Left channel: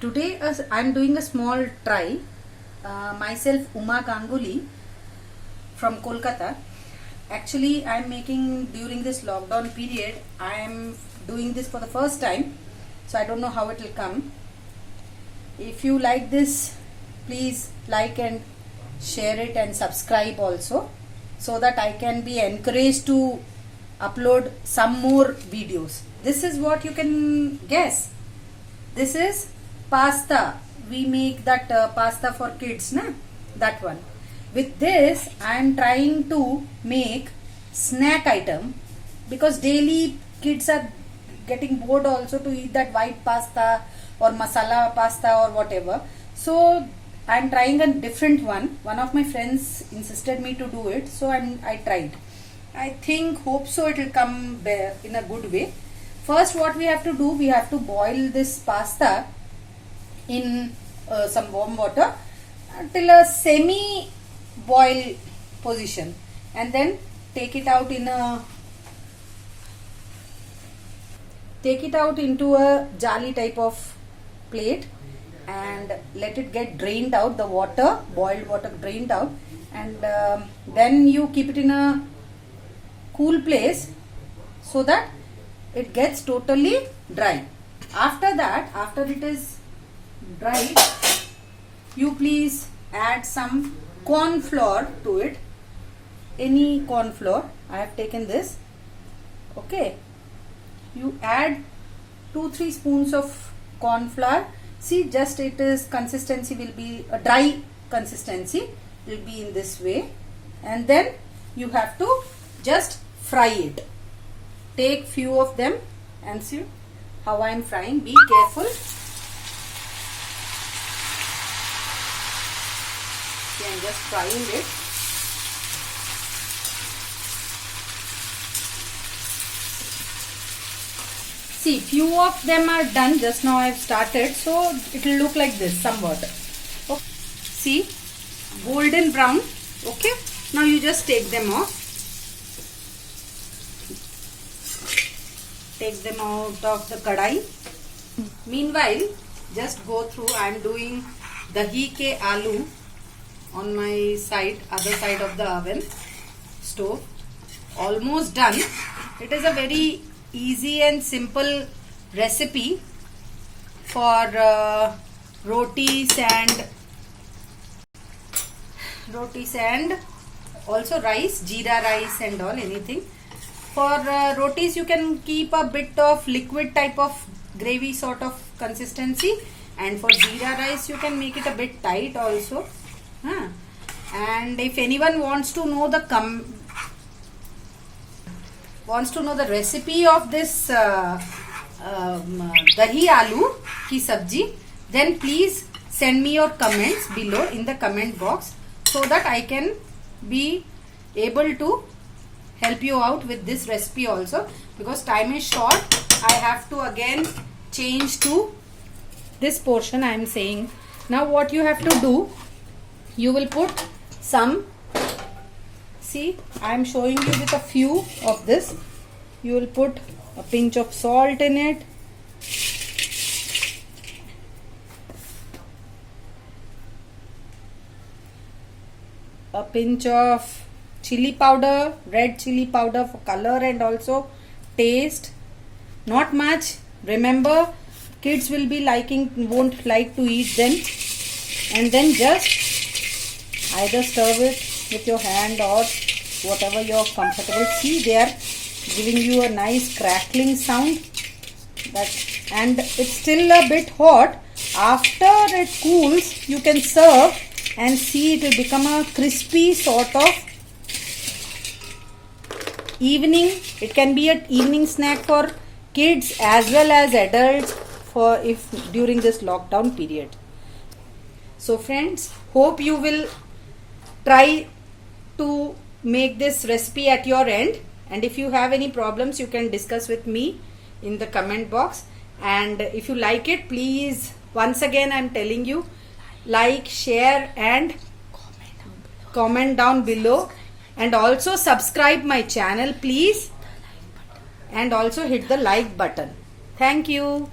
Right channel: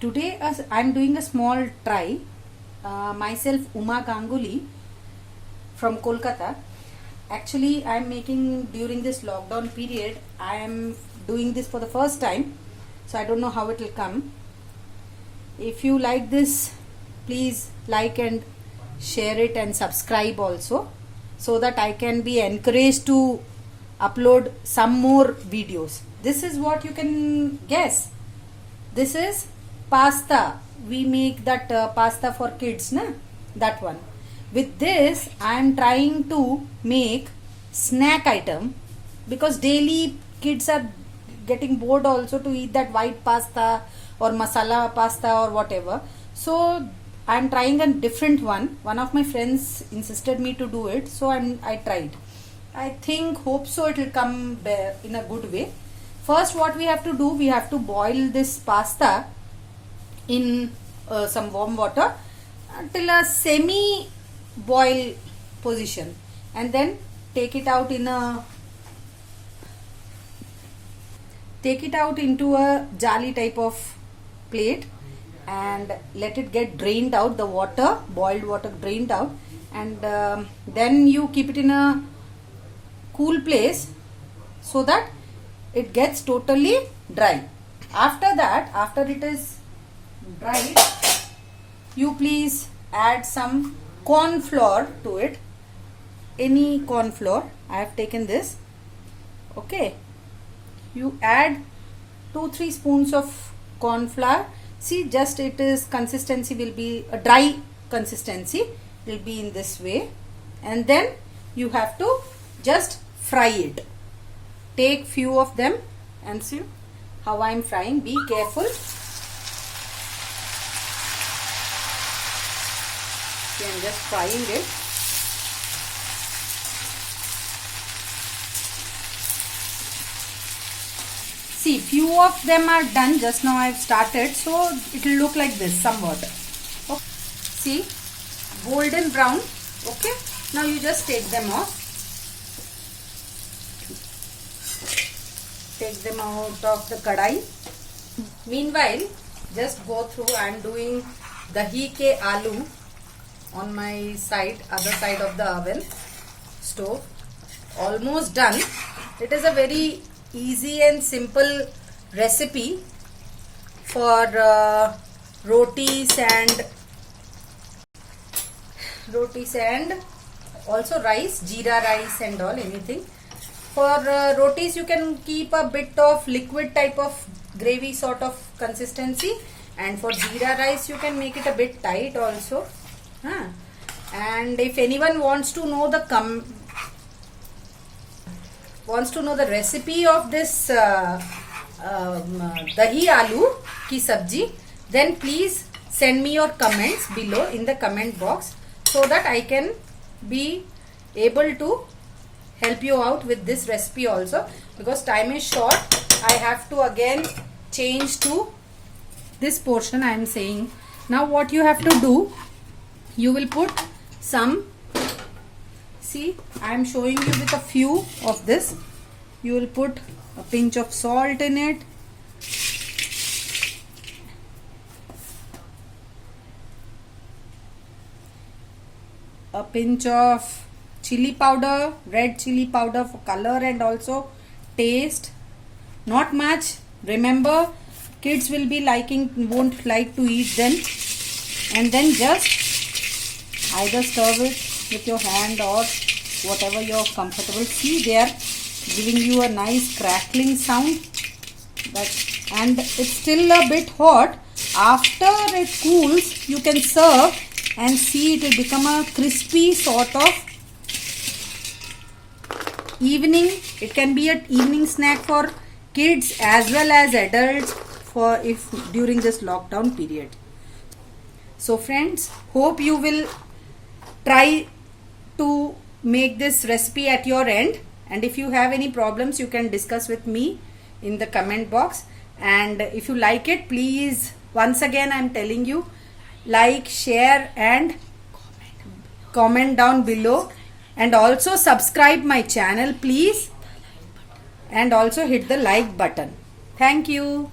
Today I'm doing a small try. Myself Uma Ganguly from Kolkata. Actually, I'm making during this lockdown period. I am doing this for the first time, so I don't know how it will come. If you like this, please like and share it and subscribe also, so that I can be encouraged to upload some more videos. This is what you can guess. This is pasta. We make that pasta for kids, na? That one. With this, I am trying to make snack item, because daily kids are getting bored also to eat that white pasta or masala pasta or whatever. So I am trying a different one. One of my friends insisted me to do it, so I tried. I hope so it will come in a good way. First, what we have to do, we have to boil this pasta in some warm water till a semi boil position, and then take it out into a jali type of plate and let it get drained out, the water, boiled water drained out, and then you keep it in a cool place so that it gets totally dry. After that, after it is dry, you please add some corn flour to it. Any corn flour. I have taken this. Okay. You add 2-3 spoons of corn flour. See, just it is consistency will be a dry consistency. Will be in this way, and then you have to just fry it. Take few of them and see how I am frying. Be careful. See, I am just frying it. See, few of them are done. Just now I have started, so it will look like this somewhat. Okay. See, golden brown. Okay. Now you just take them off. Take them out of the kadai. Meanwhile, just go through. I am doing dahi ke aloo on my side, other side of the oven stove. Almost done. It is a very easy and simple recipe for rotis and also rice, jeera rice and all, anything. For rotis, you can keep a bit of liquid type of gravy sort of consistency, and for jeera rice, you can make it a bit tight also. And if anyone wants to know the recipe of this dahi aloo ki sabji, then please send me your comments below in the comment box, so that I can be able to help you out with this recipe also, because time is short. I have to again change to this portion I am saying. Now what you have to do, you will put some, see, I am showing you with a few of this. You will put a pinch of salt in it, a pinch of chili powder, red chili powder for color and also taste. Not much. Remember, kids will be won't like to eat them. And then just either serve it with your hand or whatever you're comfortable. See, they are giving you a nice crackling sound. And it's still a bit hot. After it cools, you can serve and see it will become a crispy sort of evening. It can be an evening snack for kids as well as adults for if during this lockdown period. So friends, hope you will try to make this recipe at your end, and if you have any problems, you can discuss with me in the comment box. And if you like it, please, once again I am telling you, like, share and comment down below, and also subscribe my channel please, and also hit the like button. Thank you.